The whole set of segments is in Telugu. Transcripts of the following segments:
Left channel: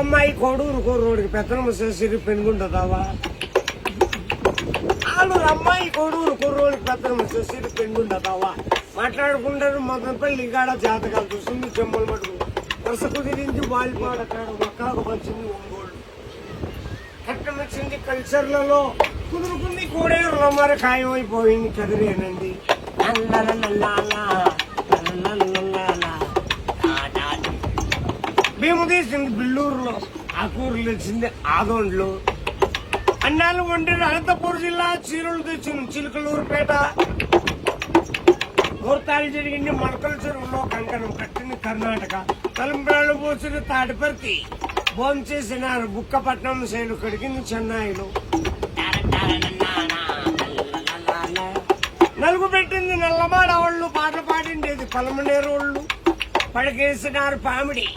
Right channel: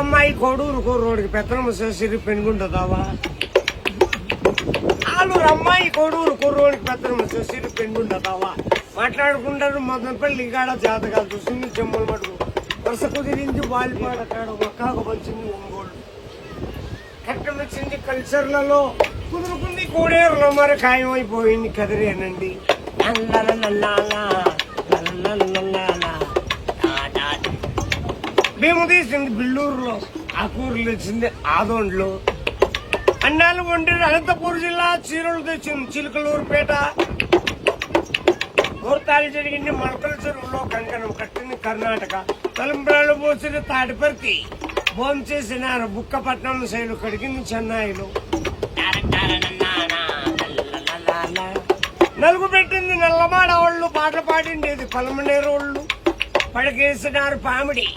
అమ్మాయి కోడూరు కుర్రోడికి పెత్తనమ్మ చేసి పెనుగుంటుందావా? ఆలూరు అమ్మాయి కోడూరు కుర్రోడికి పెత్తనమ్మ చేసి పెనుగుంటుందావా? మాట్లాడుకుంటారు మదనపల్లి కాడ జాతకాలు చూసింది చెమ్మలు మటుకు వరుస కుదిరించి వాలిపాడ కాడ ఒక్కాకు వచ్చింది ఒంగోలు కట్టం వచ్చింది కల్చర్లలో కుదురుకుంది కోడేరులో మరి ఖాయమైపోయింది కదిరేనండి. భీము తీసింది బిల్లూరులో, ఆ కూరలు తెచ్చింది ఆదోండ్లో, అన్నాలు వండిన అనంతపూర్ జిల్లా, చీరలు తెచ్చింది చిలుకలూరుపేట, ముహూర్తాలు జరిగింది మొలకల చెరువులో, కంకణం కట్టింది కర్ణాటక, తలంబ్రాలు పోసిన తాడిపర్తి, భోజనం చేసిన బుక్కపట్నం శైలు కడిగింది చెన్నైలో, నలుగు పెట్టింది నల్లమాడ వాళ్ళు, పాట పాడిండేది పలమనేరోళ్ళు, పడకేసినారు పామిడి,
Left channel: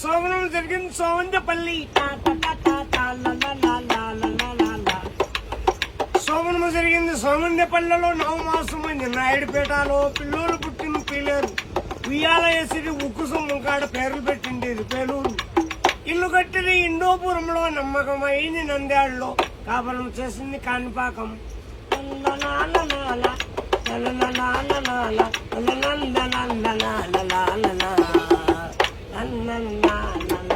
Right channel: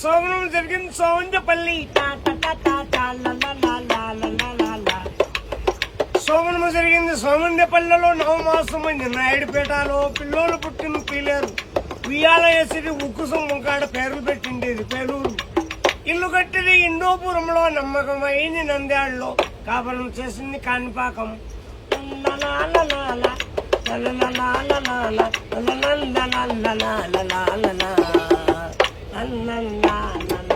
సోమనం జరిగింది సోమంజపల్లి, సోమనము జరిగింది సోమంజపల్లిలో, నవమాసమైంది నాయుడుపేటలో, పిల్లోలు పుట్టిన పీలేరు, ఉయ్యాల వేసి ఉక్కు సొమ్ము కాడ పేర్లు పెట్టిండేది పేలూరు, ఇల్లు కట్టింది ఇండోపురంలో, నమ్మకమైంది నంద్యాడలో, కాపలం చేసింది Kanipakam. la la la la la la la la la la la la la la